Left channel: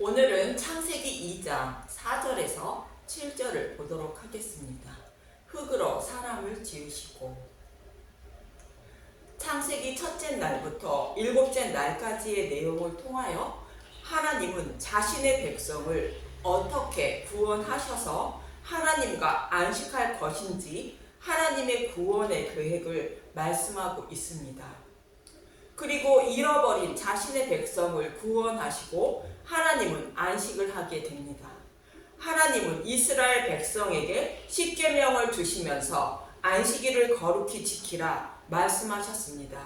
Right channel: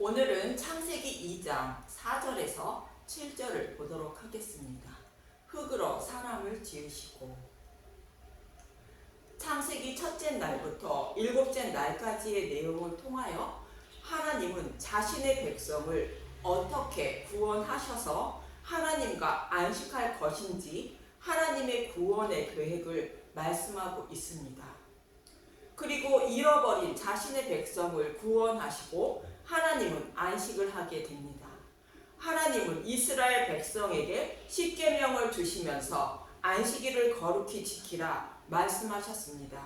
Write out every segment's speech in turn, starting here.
오늘은 창세기 2장 4절에서 7절을 보도록 하겠습니다. 흙으로 사람을 지으시고. 창세기 첫째 날부터 일곱째 날까지의 내용을 통하여 하나님은 자신의 백성을 어떻게 구원하셔서 하나님과 안식할 것인지 하나님의 구원의 계획을 말씀하고 있습니다. 그리고 잃어버린 자신의 백성을 구원하시고 하나님은 안식을 하게 됩니다. 하나님은 이스라엘 백성에게 십계명을 주시면서 안식일을 거룩히 지키라 말씀하셨습니다.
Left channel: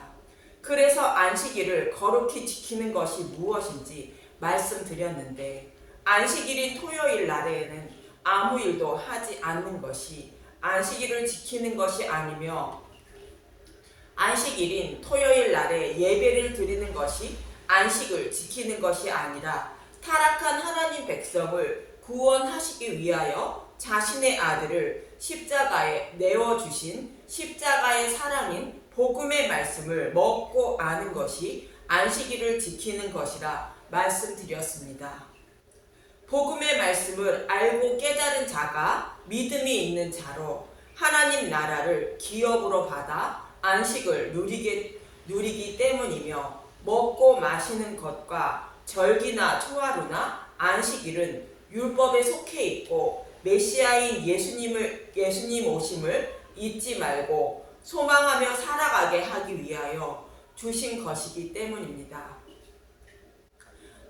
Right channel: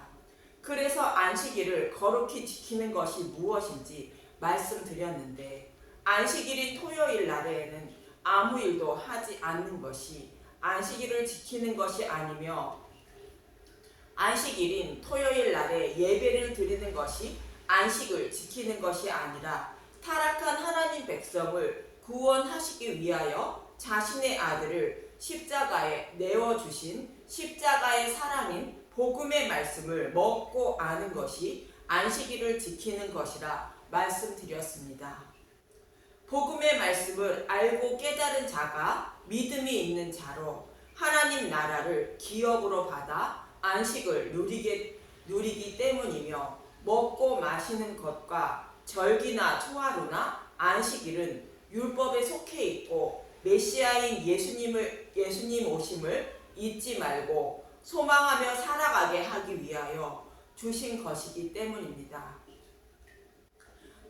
그래서 안식일을 거룩히 지키는 것이 무엇인지 말씀드렸는데, 안식일인 토요일 날에는 아무 일도 하지 않는 것이 안식일을 지키는 것이 아니며, 안식일인 토요일 날에 예배를 드리는 것이 안식을 지키는 것이 아니라 타락한 하나님 백성을 구원하시기 위하여 자신의 아들을 십자가에 내어주신 십자가의 사랑인 복음의 말씀을 먹고 아는 것이 안식일을 지키는 것이라 말씀드렸습니다. 복음의 말씀을 알고 깨달은 자가 믿음이 있는 자로 하나님 나라를 기업으로 받아 안식을 누리기 때문이며, 먹고 마시는 것과 절기나 초하루나 안식일은 율법에 속해 있고 메시아인 예수님 오심을 잊지 말고 소망하며 살아가게 하기 위하여 주신 것이기 때문입니다.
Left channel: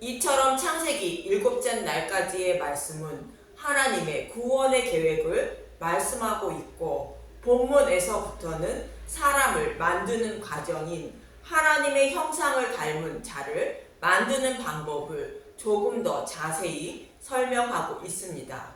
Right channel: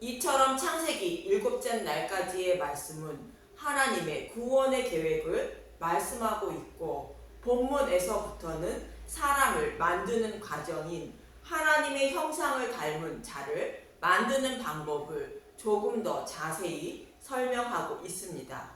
이처럼 창세기 일곱째 날까지의 말씀은 하나님의 구원의 계획을 말씀하고 있고, 본문에서부터는 사람을 만드는 과정인 하나님의 형상을 닮은 자를 만드는 방법을 조금 더 자세히 설명하고 있습니다.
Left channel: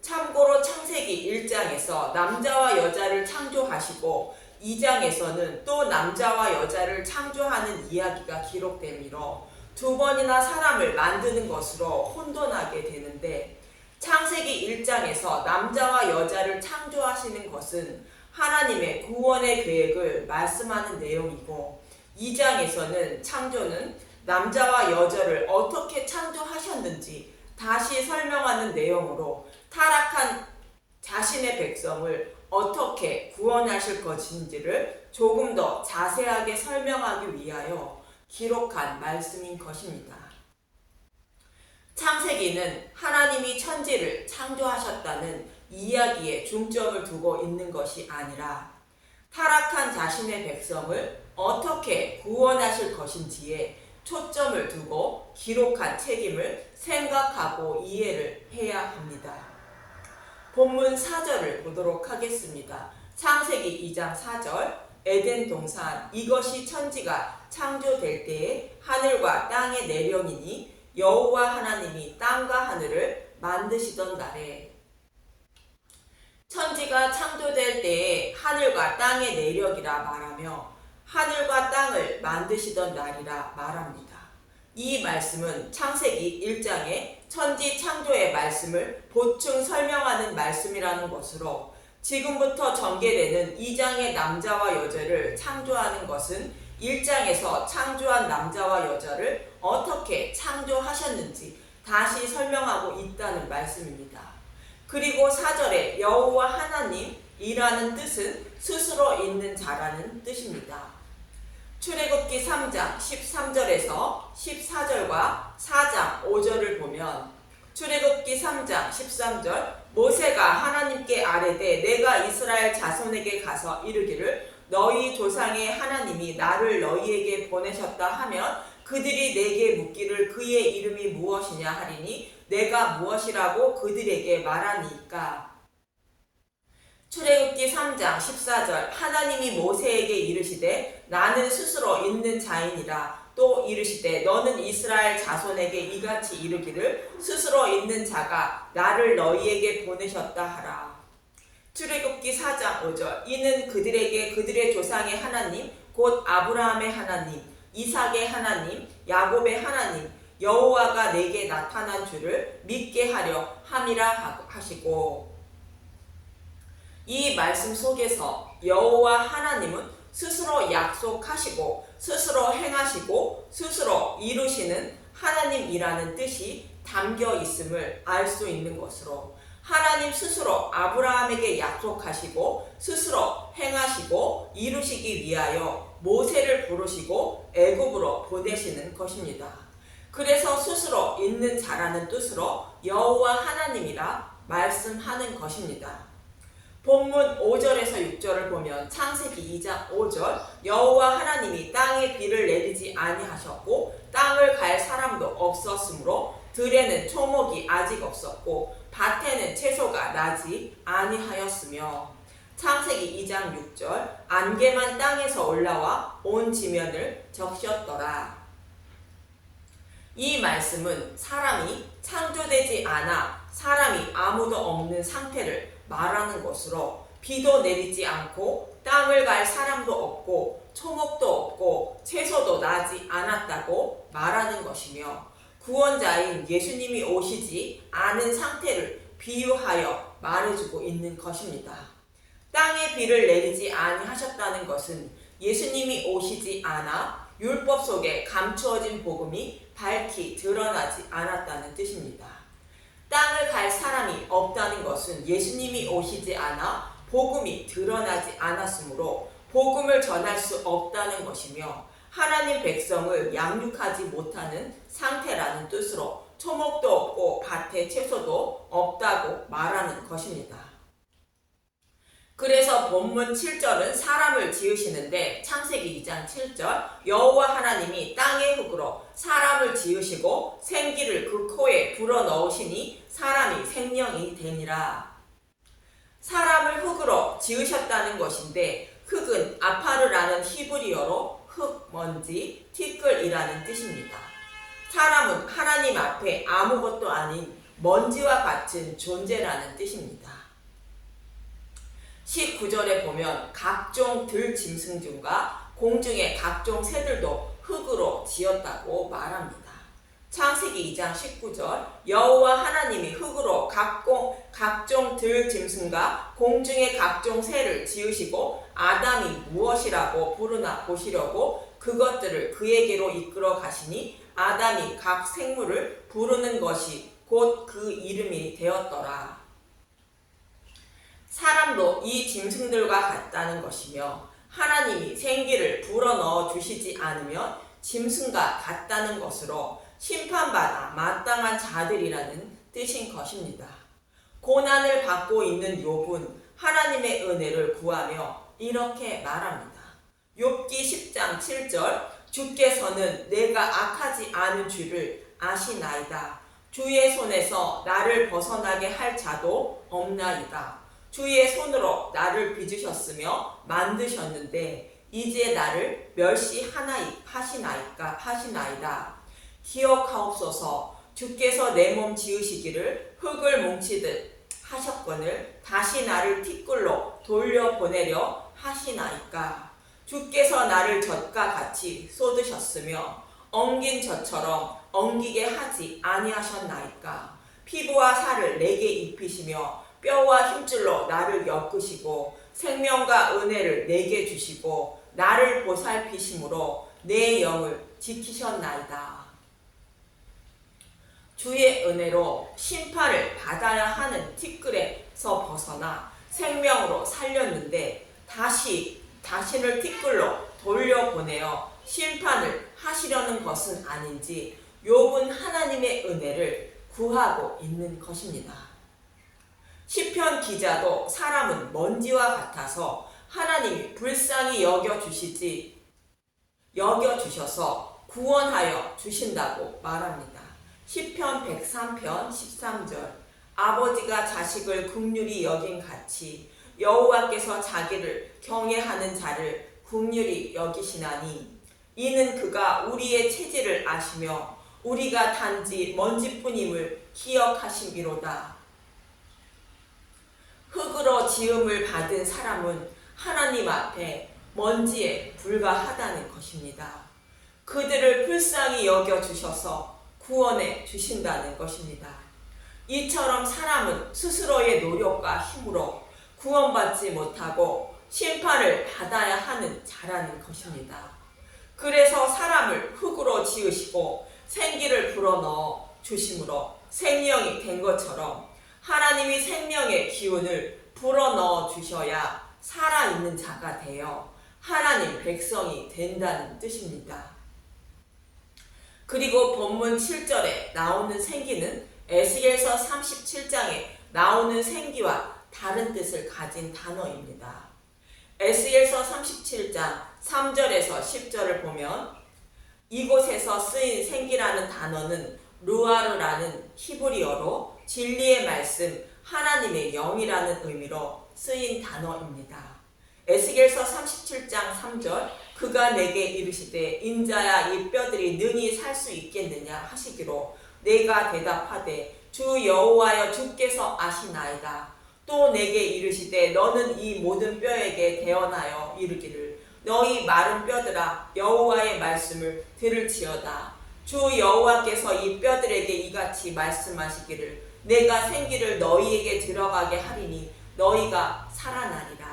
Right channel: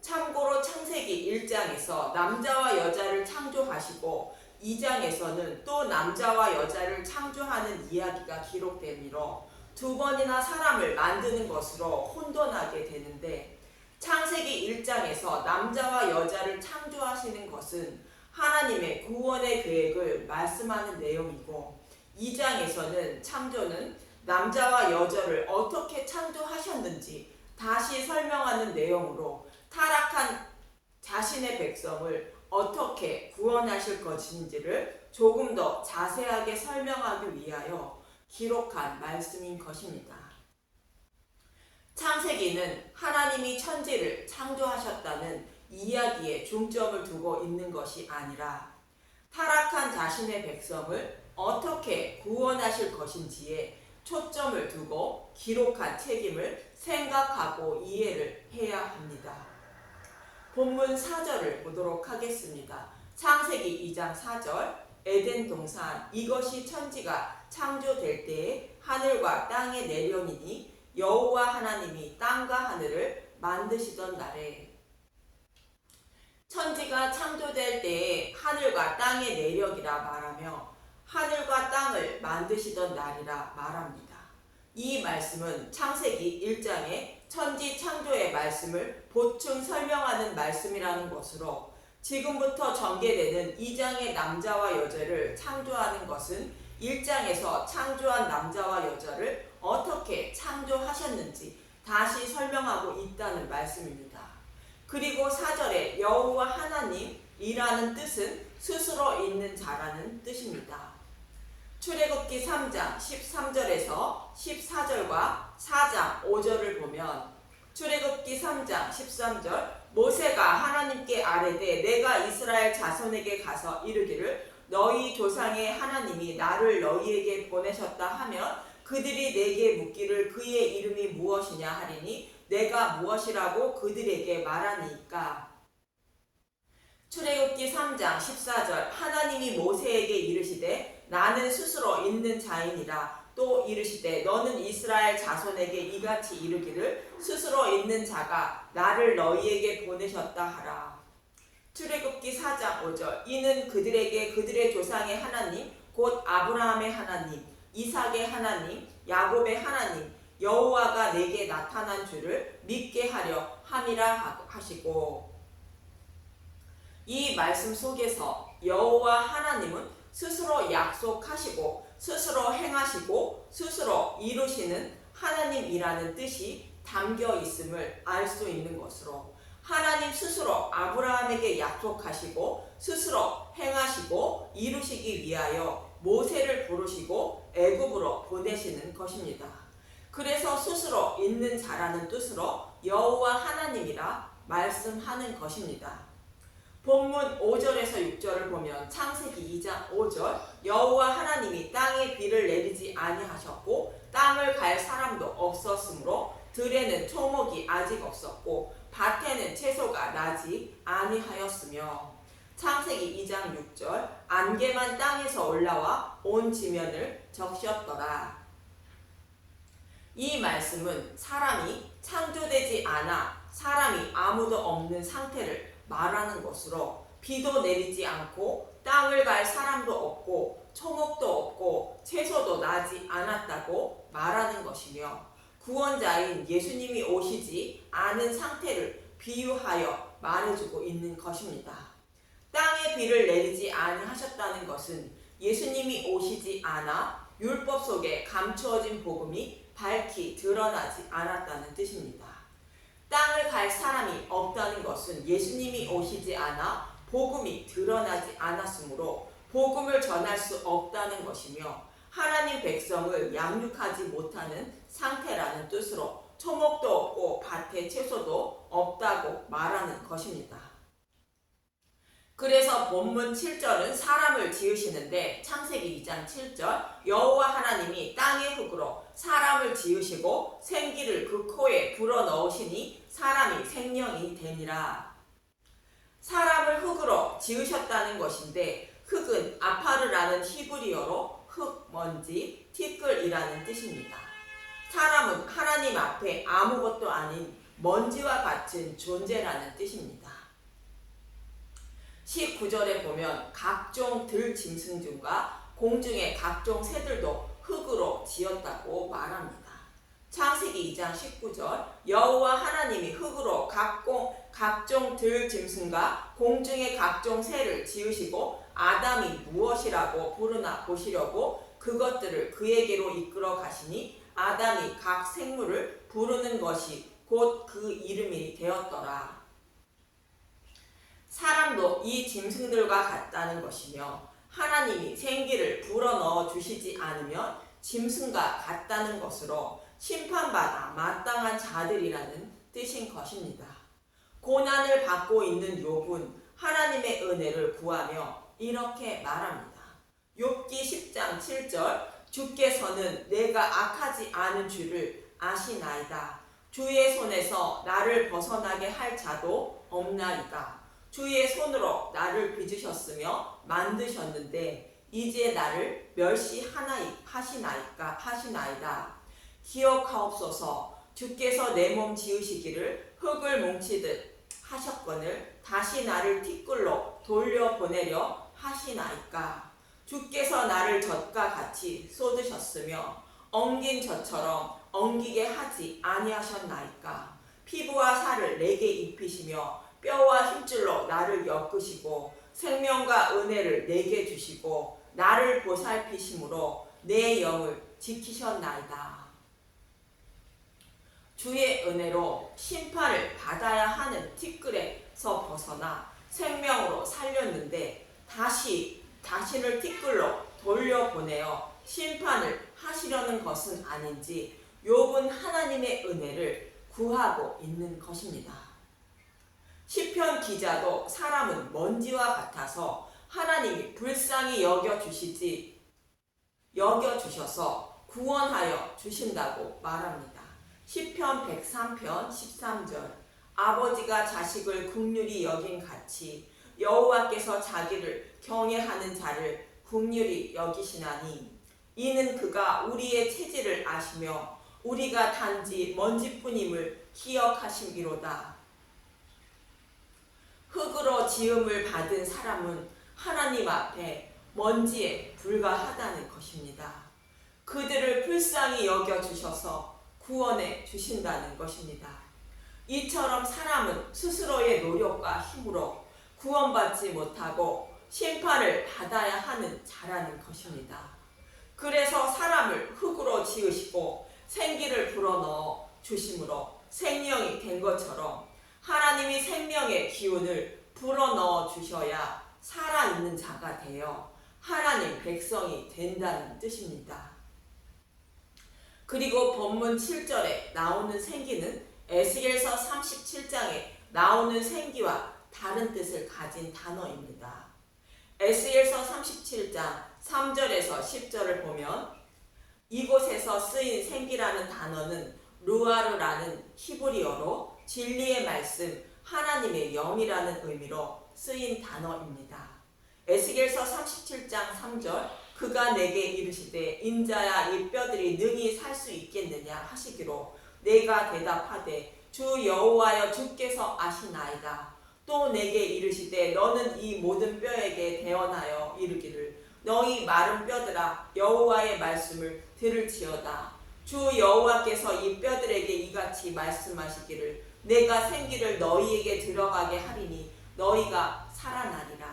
참고로 창세기 1장에서 남자와 여자를 창조하시고 2장에서는 또 남자와 여자를 창조하는 이야기가 기록되므로 두 번이나 사람을 만드는 것으로 혼돈하게 되는데, 창세기 1장에서 남자와 여자를 창조하시는 것은 하나님의 구원의 계획을 말씀하는 내용이고, 2장에서는 창조는 남자와 여자를 어떻게 창조하셨는지 다시 설명하는 내용으로 타락한 자신의 백성을 어떻게 구원하실 것인지를 조금 더 자세하게 설명하기 위하여 기록한 말씀인 것입니다. 창세기는 하나님이 천지를 창조하셨다는 이야기에 중점을 두고 있는 것이 아니라 타락한 자신의 백성을 어떻게 구원하실 것인지에 초점을 두고 기록한 책임을 생각하고 이해를 해야 합니다. 본문 4절을 보도록 하겠습니다. 창세기 2장 4절. 에덴 동산 이것이 천지가 창조될 때에 하늘과 땅의 내령이니 여호와 하나님이 땅과 하늘을 만드시던 날에. 천지가 창조될 때에 하늘과 땅의 내력이라 말하며 하늘과 땅을 만드시던 날이라 말합니다. 이 말씀은 창세기 1장의 천지 창조의 말씀을 보충 설명하는 말씀이라는 것으로, 지금부터 전개되는 2장의 남자와 여자를 창조하는 것은 1장에서 창조한 남자와 여자를 어떻게 창조하셨는지 다시 설명하고 있다는 말씀입니다. 그리고 4절에 여호와 하나님이라는 뜻은 스스로 있는 자라는 뜻입니다. 출애굽기 3장 13절에서 14절과 4장 5절을 보면, 출애굽기 3장 13절. 모세가 하나님께 아뢰되 내가 이스라엘 자손에게 가서 이르기를 너희 조상의 하나님이 나를 너희에게 보내셨다 하면 그들이 내게 묻기를 그의 이름이 무엇이냐 하리니 내가 무엇이라고 그들에게 말하니까. 출애굽기 3장 14절. 하나님이 모세에게 이르시되 나는 스스로 있는 자이니라. 또 이르시되 너는 이스라엘 자손에게 이같이 이르기를 스스로 있는 자가 나를 너희에게 보내셨다 하라. 출애굽기 4장 5절. 이는 그들에게 그들의 조상의 하나님 곧 아브라함의 하나님, 이삭의 하나님, 야곱의 하나님 여호와가 내게 나타난 줄을 믿게 하려 함이라 하시고, 이 말씀 속에서 여호와 하나님은 스스로 약속하시고 스스로 행하시고 스스로 이루시는 하나님이라는 뜻이 담겨 있음을 알 수 있는 것으로 하나님 스스로 아브라함에게 약속하시고 스스로 행하시고 이루시기 위하여 모세를 부르시고 애굽으로 보내시는 것입니다. 그래서 스스로 있는 자라는 뜻으로 여호와 하나님이라 말씀하는 것입니다. 본문 5절에서 6절을 보면 창세기 2장 5절 여호와 하나님이 땅에 비를 내리지 아니하셨고 땅을 갈 사람도 없었으므로 들에는 초목이 아직 없었고 밭에는 채소가 나지 아니하였으며 창세기 2장 6절 안개만 땅에서 올라와 온 지면을 적셨더라. 이 말씀은 사람이 창조되지 않아 사람이 아무도 없는 상태를 말하는 것으로 비도 내리지 않고 땅을 갈 사람도 없고 초목도 없고 채소도 나지 않았다고 말하는 것이며 구원자인 예수님이 오시지 않은 상태를 비유하여 말해주고 있는 것입니다. 땅에 비를 내리지 아니하셨다는 것은 예수님이 오시지 않아 율법 속에 감추어진 복음이 밝히 드러나지 않았다는 뜻입니다. 땅을 갈 사람이 없다는 것은 예수님이 오시지 않아 복음이 드러나지 않았으므로 복음을 전할 수 없다는 것이며 하나님 백성을 양육하지 못하는 상태라는 뜻으로 초목도 없고 밭에 채소도 없다고 말하는 것입니다. 그래서 본문 7절은 사람을 지으시는데 창세기 2장 7절 여호와 하나님이 땅의 흙으로 사람을 지으시고 생기를 그 코에 불어넣으시니 사람이 생명이 되니라. 사람을 흙으로 지으셨다는 것인데 흙은 아파르라는 히브리어로 흙, 먼지, 티끌이라는 뜻입니다. 사람은 하나님 앞에 아무것도 아닌 먼지와 같은 존재라는 뜻입니다. 19절에 보면 각종 들짐승 중과 공중의 각종 새들도 흙으로 지었다고 말합니다. 창세기 2장 19절 여호와 하나님이 흙으로 각종 들짐승과 공중의 각종 새를 지으시고 아담이 무엇이라고 부르나 보시려고 그것들을 그에게로 이끌어 가시니 아담이 각 생물을 부르는 것이 곧 그 이름이 되었더라. 사람도 이 짐승들과 같다는 것이며 하나님이 생기를 불어넣어 주시지 않으면 짐승과 같다는 것으로 심판받아 마땅한 자들이라는 뜻인 것입니다. 고난을 받고 있는 욥은 하나님의 은혜를 구하며 이렇게 말합니다. 욥기 10장 7절 주께서는 내가 악하지 않은 줄을 아시나이다. 주의 손에서 나를 벗어나게 할 자도 없나이다. 주의 손으로 나를 빚으셨으며 만드셨는데 이제 나를 멸시하시나이다. 기억하옵소서. 주께서 내 몸 지으시기를 흙을 뭉치듯 하셨거늘 다시 나를 티끌로 돌려보내려 하시나이까. 주께서 나를 젖과 같이 쏟으셨으며 엉긴 젖처럼 엉기게 하지 아니하셨나이까. 피부와 살을 내게 입히시며 뼈와 힘줄로 나를 엮으시고 생명과 은혜를 내게 주시고 나를 보살피심으로 내 영을 지키셨나이다. 주의 은혜로 심판을 받아야 하는 티끌에서 벗어나 생명으로 살렸는데 다시를 티끌로 돌려보내어 심판을 하시려는 것은 아닌지 욥은 하나님의 은혜를 구하고 있는 것입니다. 시편 기자도 사람은 먼지와 같아서 하나님이 불쌍히 여겨주셔서 구원하여 주신다고 말합니다. 시편 103편 13절 아버지가 자식을 긍휼히 여긴 같이 여호와께서 자기를 경외하는 자를 긍휼히 여기시나니 이는 그가 우리의 체질을 아시며 우리가 단지 먼지뿐임을 기억하심이로다. 흙으로 지음을 받은 사람은 하나님 앞에 먼지에 불과하다는 것입니다. 그들을 불쌍히 여겨주셔서 구원해 주신다는 것입니다. 이처럼 사람은 스스로의 노력과 힘으로 구원받지 못하고 심판을 받아야 하는 자라는 것입니다. 그래서 사람을 흙으로 지으시고 생기를 불어넣어 주심으로 생명이 된 것처럼 하나님이 생명의 기운을 불어넣어 주셔야 살아있는 자가 되어 하나님 백성이 된다는 뜻입니다. 그리고 본문 7절에 나오는 생기는 에스겔서 37장에 나오는 생기와 다른 뜻을 가진 단어입니다. 에스겔서 37장 3절에서 10절을 보면 이곳에서 쓰인 생기라는 단어는 루아르라는 히브리어로 진리의 말씀, 하나님의 영이라는 의미로 쓰인 단어입니다. 에스겔서 37장 3절 그가 내게 이르시되 인자야 이 뼈들이 능히 살 수 있겠느냐 하시기로 내가 대답하되 주 여호와여 주께서 아시나이다. 또 내게 이르시되 너는 이 모든 뼈에게 대언하여 이르기를 너희 마른 뼈들아 여호와의 말씀을 들을지어다. 주 여호와께서 이 뼈들에게 이같이 말씀하시기를 내가 생기를 너희에게 들어가게 하리니 너희가 살아나리라.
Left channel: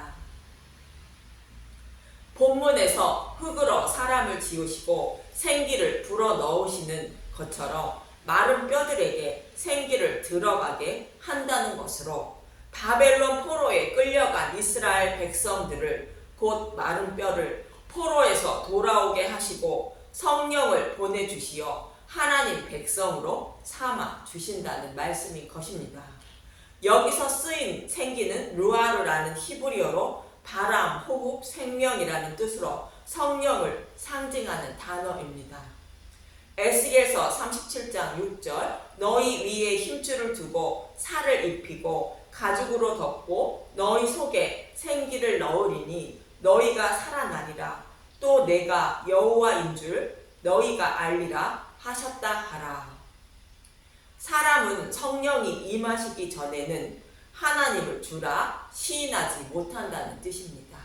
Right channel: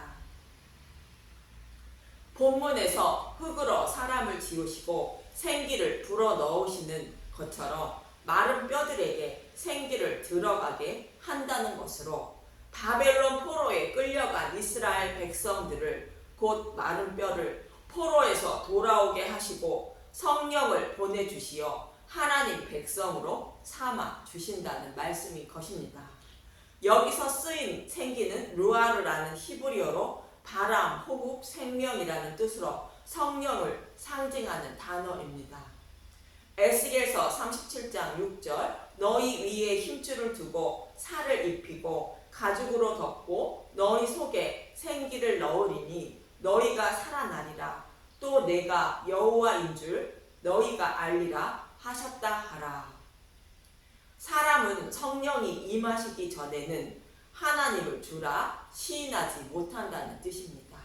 본문에서 흙으로 사람을 지으시고 생기를 불어넣으시는 것처럼 마른 뼈들에게 생기를 들어가게 한다는 것으로 바벨론 포로에 끌려간 이스라엘 백성들을 곧 마른 뼈를 포로에서 돌아오게 하시고 성령을 보내주시어 하나님 백성으로 삼아 주신다는 말씀인 것입니다. 여기서 쓰인 생기는 루아르라는 히브리어로 바람, 호흡, 생명이라는 뜻으로 성령을 상징하는 단어입니다. 에스겔서 37장 6절 너희 위에 힘줄을 두고 살을 입히고 가죽으로 덮고 너희 속에 생기를 넣으리니 너희가 살아나리라. 또 내가 여호와인 줄 너희가 알리라 하셨다 하라. 사람은 성령이 임하시기 전에는 하나님을 주라 시인하지 못한다는 뜻입니다.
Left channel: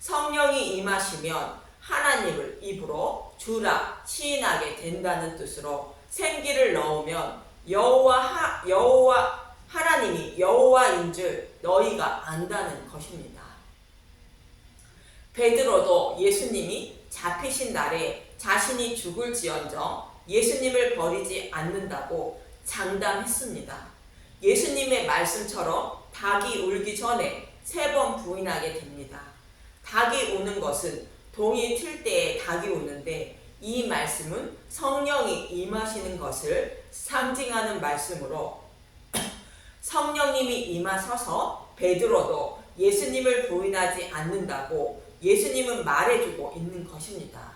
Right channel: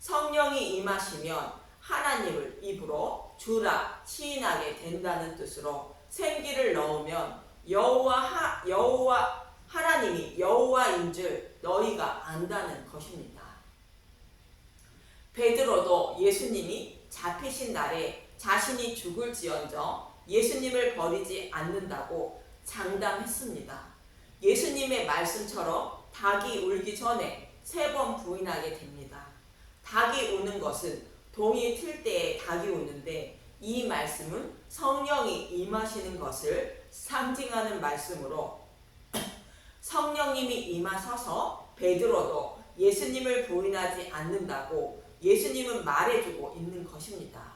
성령이 임하시면 하나님을 입으로 주라 시인하게 된다는 뜻으로 생기를 넣으면 하나님이 여호와인 줄 너희가 안다는 것입니다. 베드로도 예수님이 잡히신 날에 자신이 죽을지언정 예수님을 버리지 않는다고 장담했습니다. 예수님의 말씀처럼 닭이 울기 전에 3번 부인하게 됩니다. 닭이 우는 것은 동이 틀 때에 닭이 우는데 이 말씀은 성령이 임하시는 것을 상징하는 말씀으로 성령님이 임하셔서 베드로도 예수님을 부인하지 않는다고 예수님은 말해주고 있는 것입니다.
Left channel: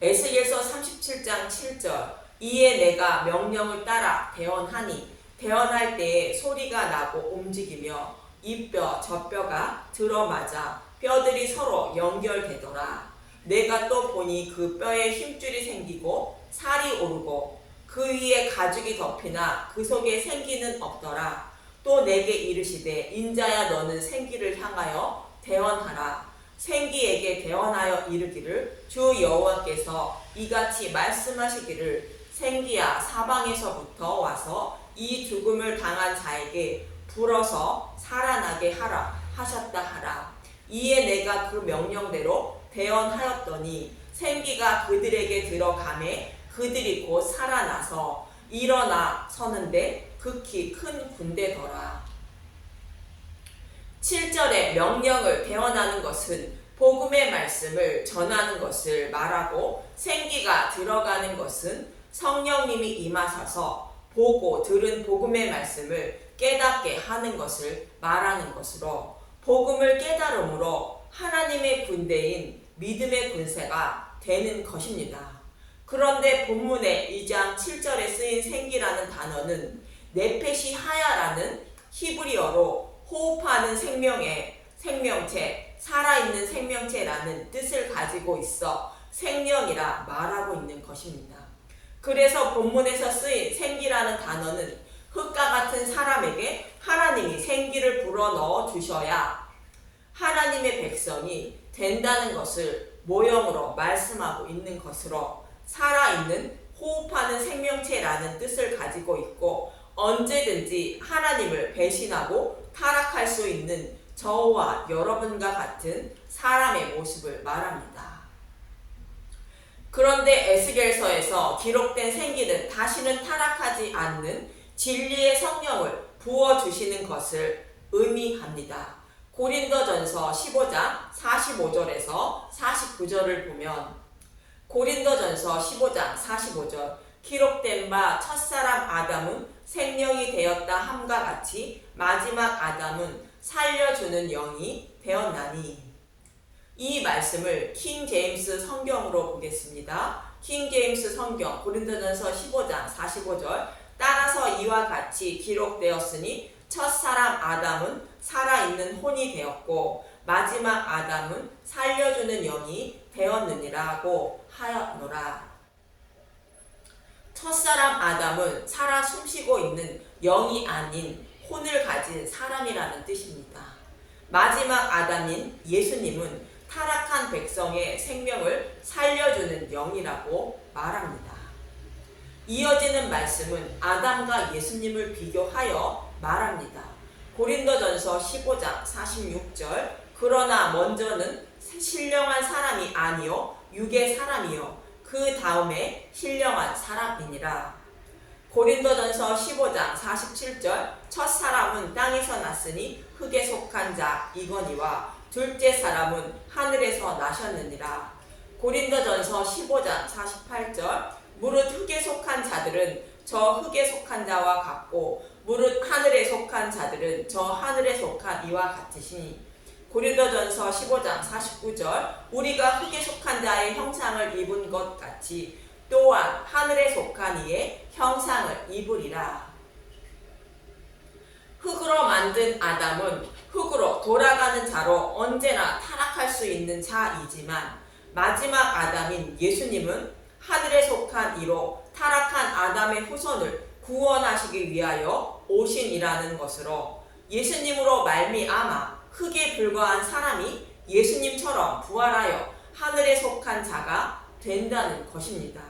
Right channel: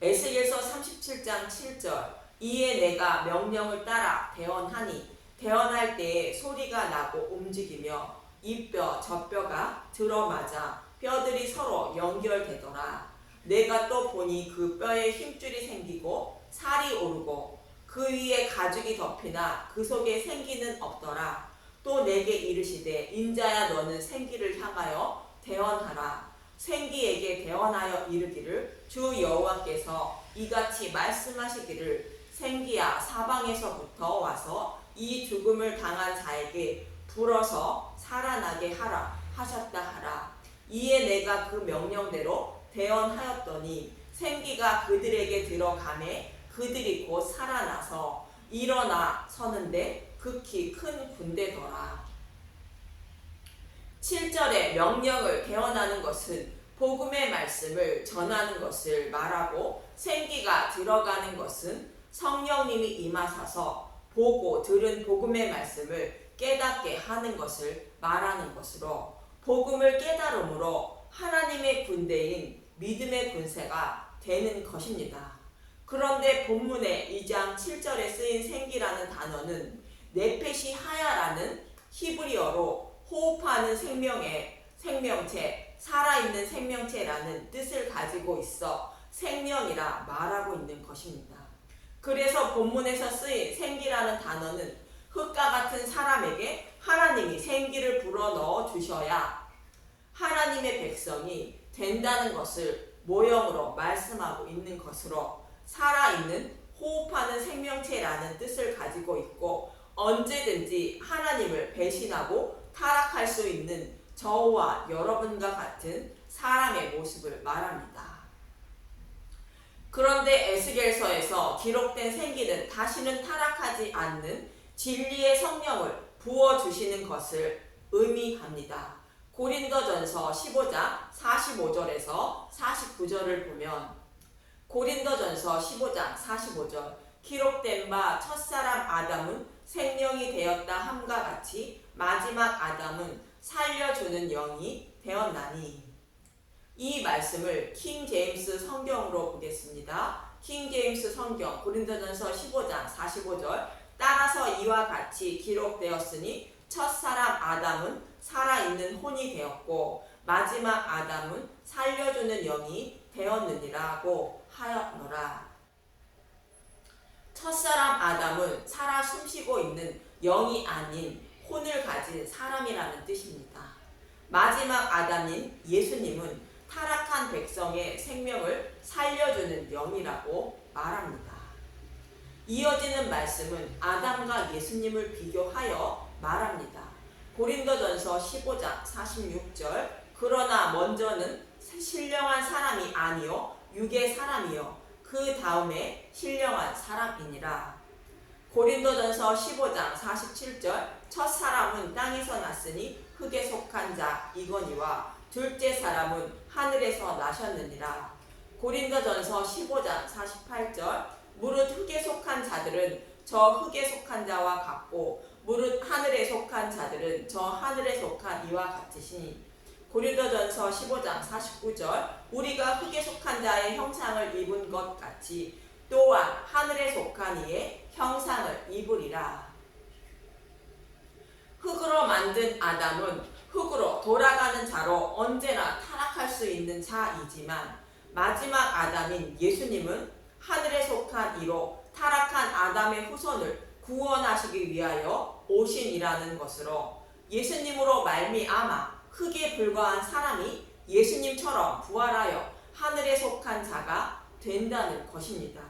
에스겔서 37장 7절 이에 내가 명령을 따라 대언하니 대언할 때에 소리가 나고 움직이며 이 뼈 저 뼈가 들어맞아 뼈들이 서로 연결되더라. 내가 또 보니 그 뼈에 힘줄이 생기고 살이 오르고 그 위에 가죽이 덮이나 그 속에 생기는 없더라. 또 내게 이르시되 인자야 너는 생기를 향하여 대언하라. 생기에게 대언하여 이르기를 주 여호와께서 이같이 말씀하시기를 생기야 사방에서부터 와서 이 죽음을 당한 자에게 불어서 살아나게 하라 하셨다 하라. 이에 내가 그 명령대로 대언하였더니 생기가 그들에게 들어가매 그들이 곧 살아나서 일어나 서는데 극히 큰 군대더라. 7절에 명령을 대언하는 것은 복음의 말씀을 전하는 것을 말하고 생기가 들어가는 것은 성령님이 임하셔서 보고 들은 복음의 말씀을 깨닫게 하는 것을 말하는 것으로 복음을 깨달음으로 하나님의 군대인 믿음의 군세가 되는 것입니다. 그런데 본문의 2장 7절에 쓰인 생기라는 단어는 네페시 하야라는 히브리어로 호흡하는 생명체, 살아있는 생명체라는 뜻을 가지고 있어 생명이라 말하고 있는 것입니다. 그래서 본문에서 쓰인 생기라는 단어는 흙과 같은 사람에게 하나님이 생기를 불어넣어 주셔야 하나님의 백성이 된다는 것을 모형으로 말씀하고 있는 것으로 살아있는 호흡하는 생명체라는 뜻을 가지고 있고 언제든지 하나님을 배신하고 타락할 수 있는 저와 여러분과 같은 사람의 모습을 말합니다. 그런데 에스겔서에서 기록된 생기는 다시는 타락하지 않는 진리의 성령을 부어주시는 것을 의미합니다. 고린도전서 15장 45절에서 49절을 보면 고린도전서 15장 45절 기록된 바 첫사람 아담은 생명이 되었다 함과 같이 마지막 아담은 살려주는 영이 되었나니. 이 말씀을 킹 제임스 성경으로 보겠습니다. 킹 제임스 성경 고린도전서 15장 45절 따라서 이와 같이 기록되었으니 첫사람 아담은 살아있는 혼이 되었고 마지막 아담은 살려주는 영이 되었느니라고 하였노라. 첫사람 아담은 살아 숨쉬고 있는 영이 아닌 혼을 가진 사람이라는 뜻입니다. 마지막 아담인 예수님은 타락한 백성의 생명을 살려주는 영이라고 말합니다. 이어지는 말씀은 아담과 예수님을 비교하여 말합니다. 고린도전서 15장 46절 그러나 먼저는 신령한 사람이 아니요 육의 사람이요 그 다음에 신령한 사람이니라. 고린도전서 15장 47절 첫 사람은 땅에서 났으니 흙에 속한 자 이거니와 둘째 사람은 하늘에서 나셨느니라. 고린도전서 15장 48절 무릇 흙에 속한 자들은 저 흙에 속한 자와 같고 무릇 하늘에 속한 자들은 저 하늘에 속한 이와 같으시니. 고린도전서 15장 49절 우리가 흙에 속한 자의 형상을 입은 것 같이 또한 하늘에 속한 이의 형상을 입으리라. 흙으로 만든 아담은 흙으로 돌아가는 자로 언제나 타락할 수 있는 자이지만 마지막 아담인 예수님은 하늘에 속한 이로 타락한 아담의 후손을 구원하시기 위하여 오신 이라는 것으로 예수님으로 말미암아 흙에 불과한 사람이 예수님처럼 부활하여 하늘에 속한 자가 된다는 것입니다.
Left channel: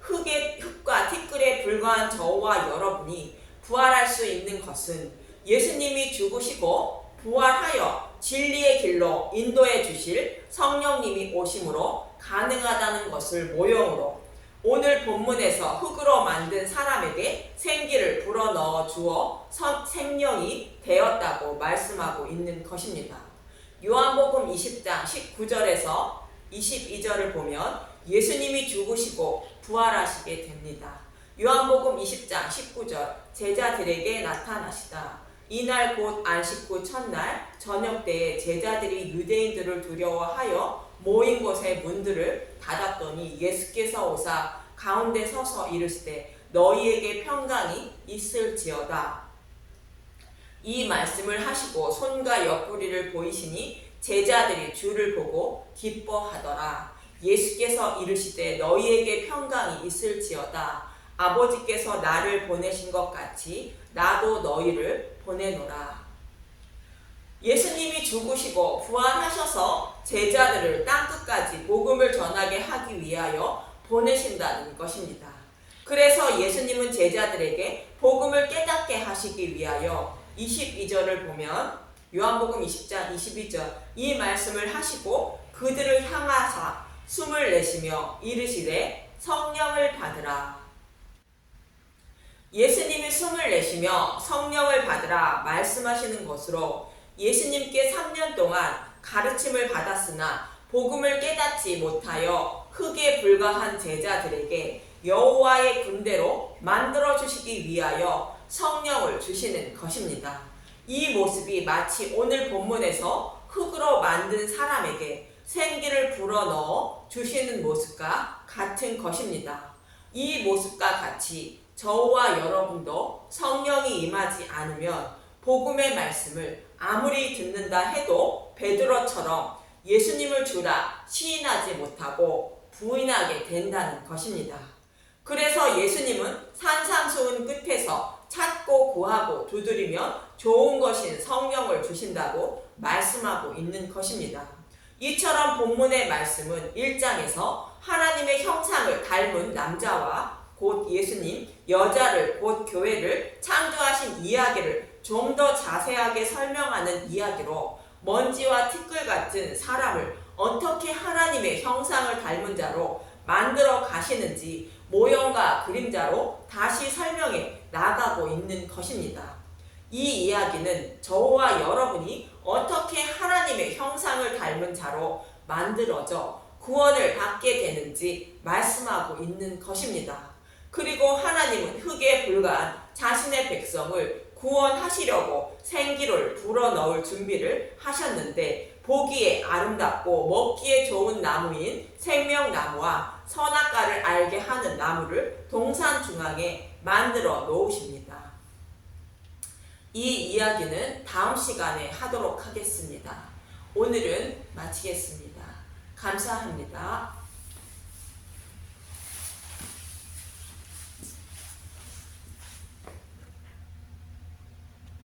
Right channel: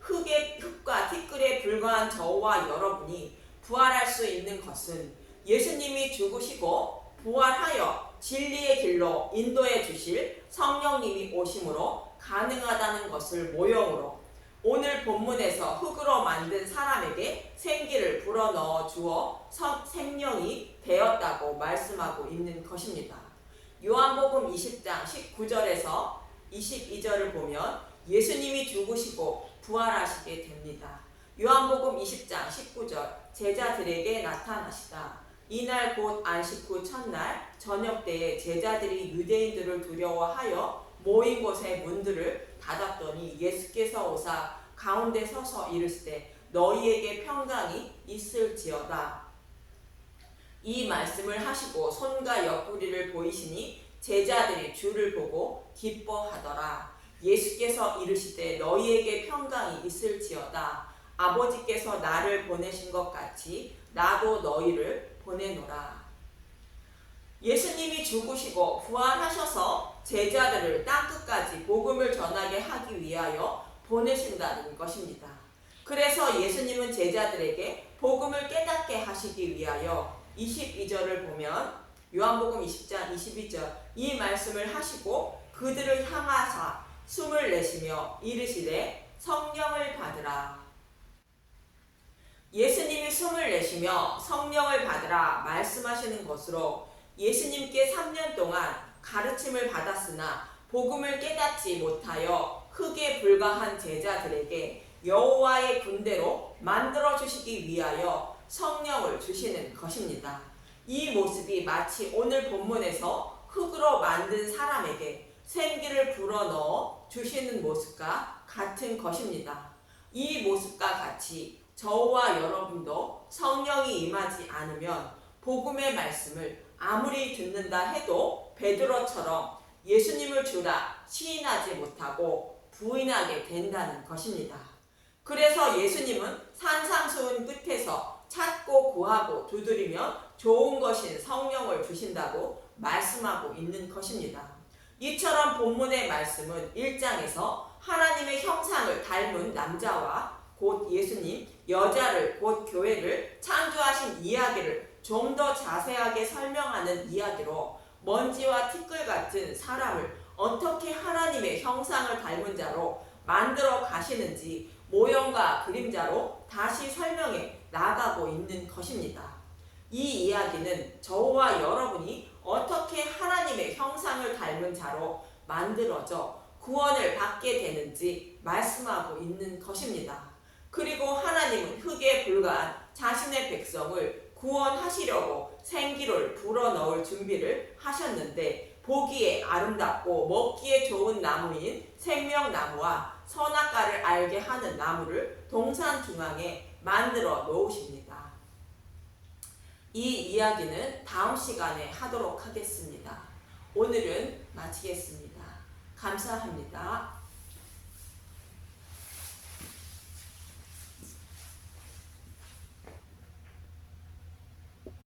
흙과 티끌에 불과한 저와 여러분이 부활할 수 있는 것은 예수님이 죽으시고 부활하여 진리의 길로 인도해 주실 성령님이 오심으로 가능하다는 것을 모형으로 오늘 본문에서 흙으로 만든 사람에게 생기를 불어넣어 주어 생명이 되었다고 말씀하고 있는 것입니다. 요한복음 20장 19절에서 22절을 보면 예수님이 죽으시고 부활하시게 됩니다. 요한복음 20장 19절 제자들에게 나타나시다. 이날 곧 안식 후 첫날 저녁 때에 제자들이 유대인들을 두려워하여 모인 곳의 문들을 닫았더니 예수께서 오사 가운데 서서 이르시되 너희에게 평강이 있을지어다. 이 말씀을 하시고 손과 옆구리를 보이시니 제자들이 주를 보고 기뻐하더라. 예수께서 이르시되 너희에게 평강이 있을지어다. 아버지께서 나를 보내신 것 같이 나도 너희를 보내노라. 예수님이 죽으시고 부활하셔서 제자들을 땅끝까지 복음을 전하게 하기 위하여 보내신다는 것입니다. 그래서 예수님은 제자들에게 복음을 깨닫게 하시기 위하여 22절을 보면 요한복음 20장 22절 이 말씀을 하시고 그들을 향하사 숨을 내쉬며 이르시되 성령을 받으라. 예수님이 숨을 내쉬며 성령을 받으라 말씀하시는 것으로 예수님께 3년 동안 가르침을 받았으나 복음을 깨닫지 못하여 흙에 불과한 제자들에게 여호와의 군대로 만들어 주시기 위하여 성령을 주시는 것입니다. 이 모습이 마치 오늘 본문에서 흙으로 만든 사람에게 생기를 불어넣어 주시는 모습과 같은 것입니다. 이 모습과 같이 저와 여러분도 성령이 임하지 않으면 복음의 말씀을 아무리 듣는다 해도 베드로처럼 예수님을 주라 시인하지 못하고 부인하게 된다는 것입니다. 그래서 예수님은 산상수훈 끝에서 찾고 구하고 두드리면 좋은 것인 성령을 주신다고 말씀하고 있는 것입니다. 이처럼 본문의 말씀은 1장에서 하나님의 형상을 닮은 남자와 곧 예수님, 여자를 곧 교회를 창조하신 이야기를 좀 더 자세하게 설명하는 이야기로 먼지와 티끌 같은 사람을 어떻게 하나님의 형상을 닮은 자로 만들어 가시는지 모형과 그림자로 다시 설명해 나가고 있는 것입니다. 이 이야기는 저와 여러분이 어떻게 하나님의 형상을 닮은 자로 만들어져 구원을 받게 되는지 말씀하고 있는 것입니다. 그리고 하나님은 흙에 불과한 자신의 백성을 구원하시려고 생기를 불어넣을 준비를 하셨는데 보기에 아름답고 먹기에 좋은 나무인 생명나무와 선악과를 알게 하는 나무를 동산 중앙에 만들어 놓으십니다. 이 이야기는 다음 시간에 하도록 하겠습니다. 오늘은 마치겠습니다. 감사합니다.